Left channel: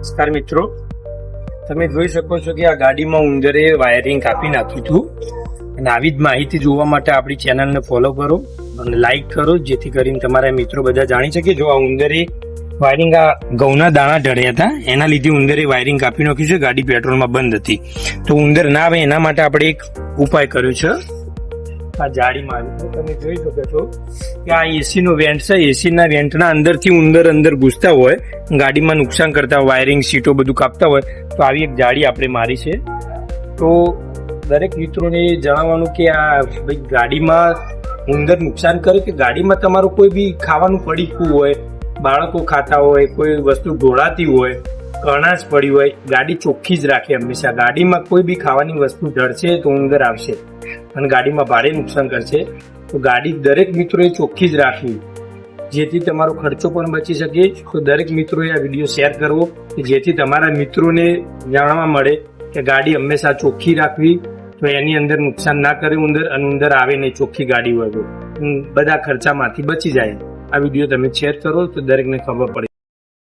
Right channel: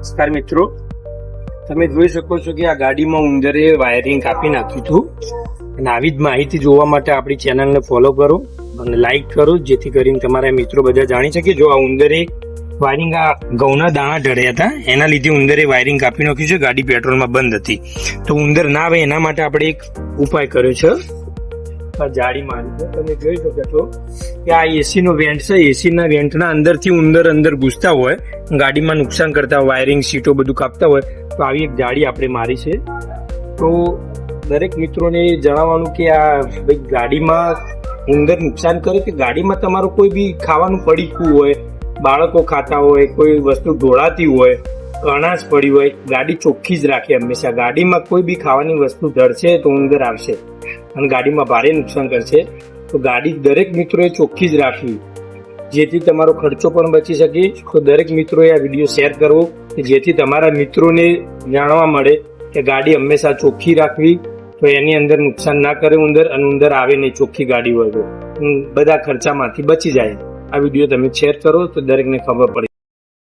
નમસ્કાર મિત્રો, તમે જોઈ શકો છો કે આ ગાડીમાં ઉંદરે વાયરિંગ કાપી નાખ્યું હતું. અને આવી જ માહિતી જોવા માટે આપણી ચેનલને ફોલો કરો અને લાઈક કરો, જેથી કરીને તમારા મિત્રો બધા જાણી શકે. જો આ ઉંદરે વાયરિંગ, આ ઘઉંના દાણા ઢળ્યા હતા, એના લીધે ઉંદરે વાયરિંગ કાપી નાખ્યું છે. ગાડી પેટ્રોલમાં બંધ હતી, તો ઉંદર ના આવે એના માટે આપણે એક ઉપાય કર્યો છે. આ જાળી મારી છે, તમે જોઈ શકો છો કે આ એસી નો વેન્ટ છે. એસી ના વેન્ટના અંદરથી ઉંદર અંદર ઘૂસતા હોય, ગાડીમાં નુકસાન કરતા, વાયરિંગ સીટો બધું કાપતા હોય, તો આવી એક જાળી આપણે મારી છે. તો દરેક મિત્રોને જણાવવાનું કે આ ભાઈ ગાડીમાં ઉંદર નુકસાન કરે કે ગાડીમાં તમારું કોઈ બી ખાવાનું પડીકું હોય, બાળકો ખાતા હોય, કોઈ વસ્તુ ઢોળાતી હોય, કણાશ પડી હોય, ગાડી ચોખ્ખી જ રાખે હંમેશા. ગાડીમાં કોઈ બી ખાવાની વસ્તુ ઢળશે તો ઉંદર આવશે અને ગાડીમાં ભારે નુકસાન કરશે. તો ગાડી દરેક મિત્રોએ ચોખ્ખી જ રાખવી, જેથી તમારો ખર્ચો પણ બચી શકે. તો દરેક મિત્રોએ આ વિડીયો શેર કરવો કે જેથી તમારા મિત્રોને જાણવા મળે કે ગાડી હંમેશા ચોખ્ખી રાખવી, તો એની અંદર નુકસાન ના કરે ઉંદર, અને ઉંદર આવે નહીં ચોખ્ખી ગાડી હોય તો બધા ખર્ચામાંથી બચી જાય. આ વિડીયો તમે શેર કરો તો દરેકને ખબર પડે.